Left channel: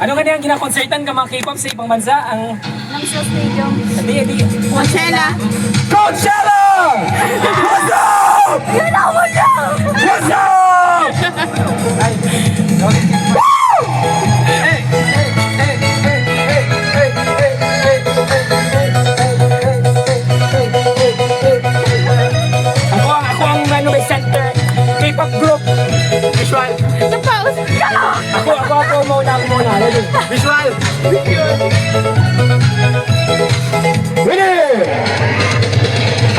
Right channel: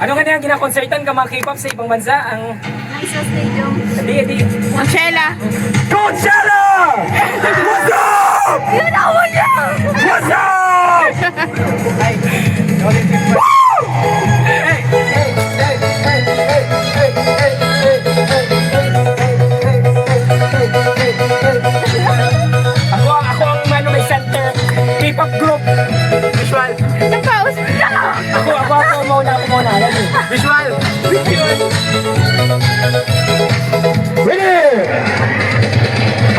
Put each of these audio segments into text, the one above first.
Ano nga na yung ginakonsertan ka mga K-pop sa ibang bansa? Ang... Ng sa stadium. Hindi. Coachella. Coachella! What's up? Yun ako na! What's up? Ay. Woo! Hey! Hey! Hey! Hey! Hey! Hey! Ako ang may center K-pop group. Visual. Napaus. Ako muna. Ready? Visual! Winner!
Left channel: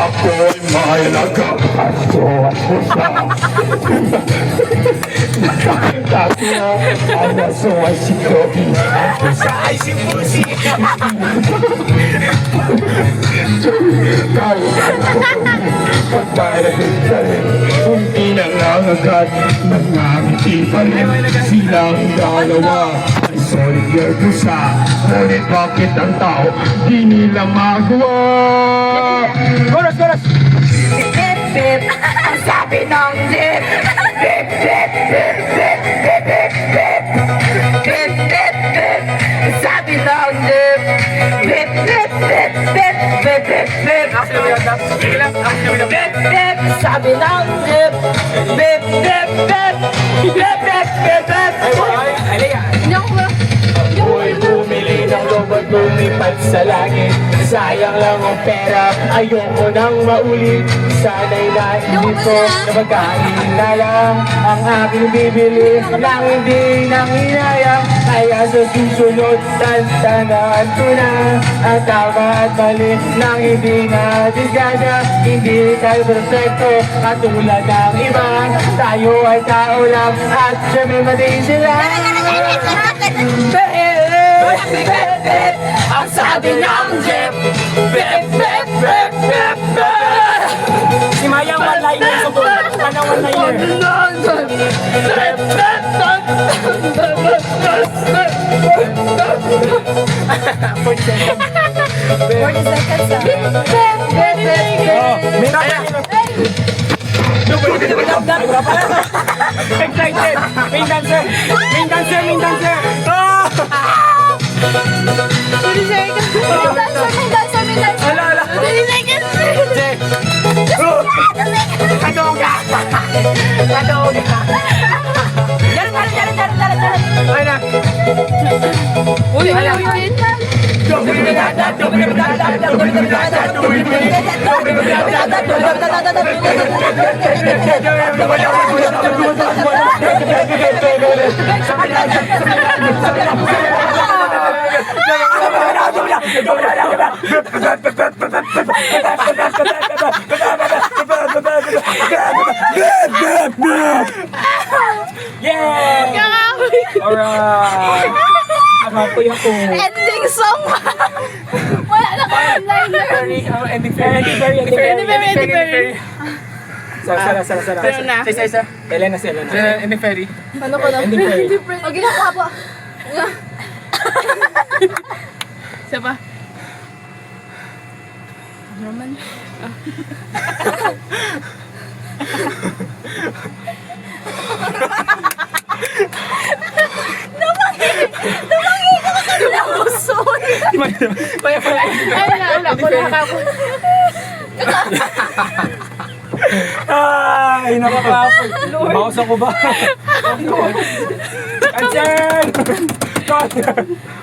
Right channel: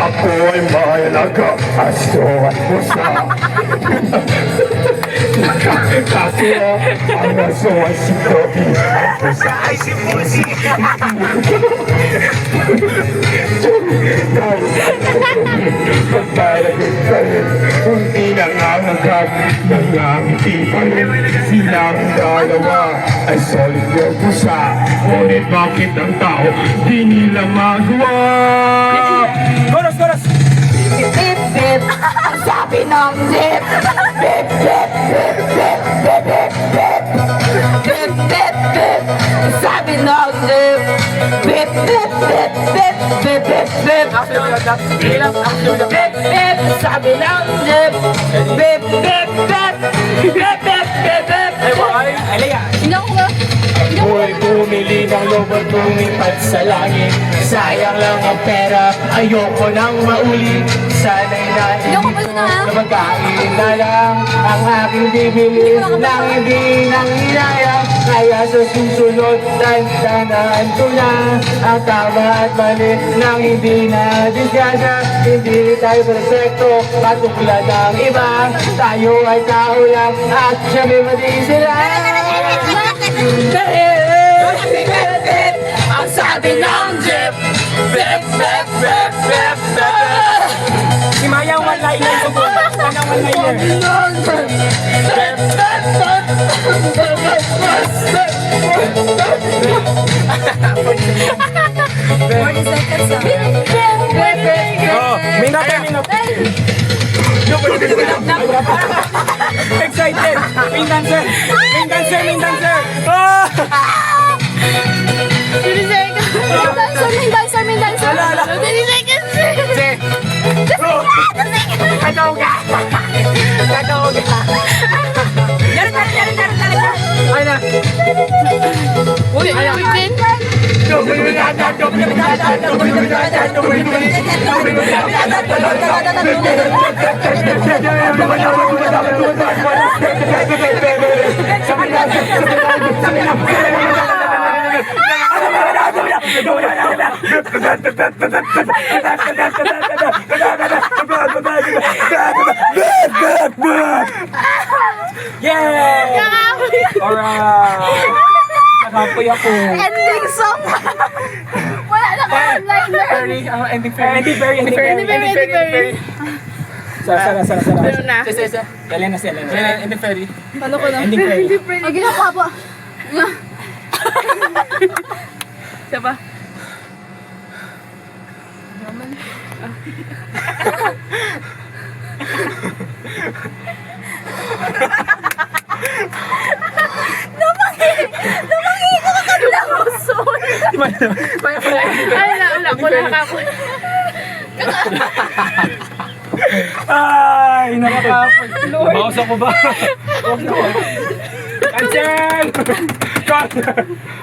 Ako ay may nag-aso at pusa. Kakila ang aso ay si Kobe. Ang pusa ay si Musi. Pagparagod ka rin, hindi nangangagat. Mga ngiti pa rin, silang dalawa ay solid na pusa. Ngunit bakit ang tao di nila magawa? Chorus! Bip, bip, ang sabi ng zip. Bip, bip, bip, bip, bip, bip, bip. Bip, bip, bip, ang sabi ng zip. Bip, bip, bip, bip, bip, bip, bip. Bip, bip, sabi ng zip. Bip, bip, bip, bip, bip, bip, bip. Ako'y bumili ng lobo at lumipad sa langit. Sayang lang ang pera, ayoko nang maulit. Sana'y nandito na magkain na lang ang aking bibili nang hindi nang inayang. Kaya sa susunod, tantanaan ko na ang tama at mali nang hindi na disgasa. Hindi tayo perfecto, katulad ng iba. Tayo ay tao lang at siyempre mali sila. Ang sabi ng jeep. Bip, bip, bip, bip, bip. Si Maya one-liner ko po. Ano one-liner? Bip, bip, bip, bip, 40 seconds ah. Minute. Excited. Main dancer. Oh! Dancer. Wala. Oh! Kataog ka. Ay na. Yeah! Alright! Nakapoy ako. Ending song. Wala na kang liner. Ending fairy. Sara. Pero na. Isa. Elena. Ending fairy. Ano ko na? Ending fairy. Ang ginawa po. Isa pa. Wala. Wala ka po. Ay, naku. Bawas ako ba? Cancel!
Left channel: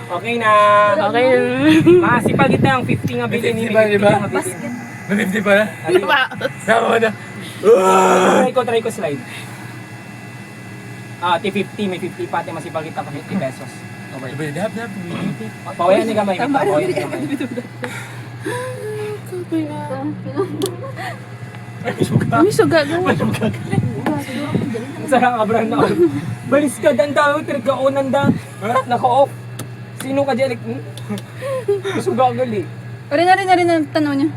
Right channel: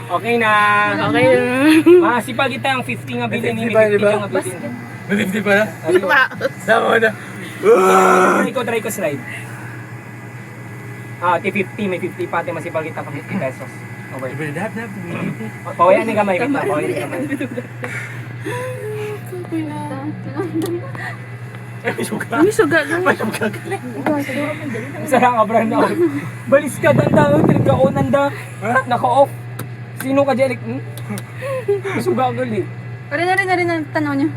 Okay na. Okay. Masipag kita ang 50 nga bilhin ni Mimi. 50 nga bilhin. 50 pala? Tama. Try ko slide. T50, may 50 pati masipag kita pa 50 pesos. Okay. Pawayan ni kamay. Ay, suga. Sarang abran na. Balis ka, dandang, pinagkaunan da. Naka-off. Sino ka dyan? Suga gali. Rin na, tanaw niya.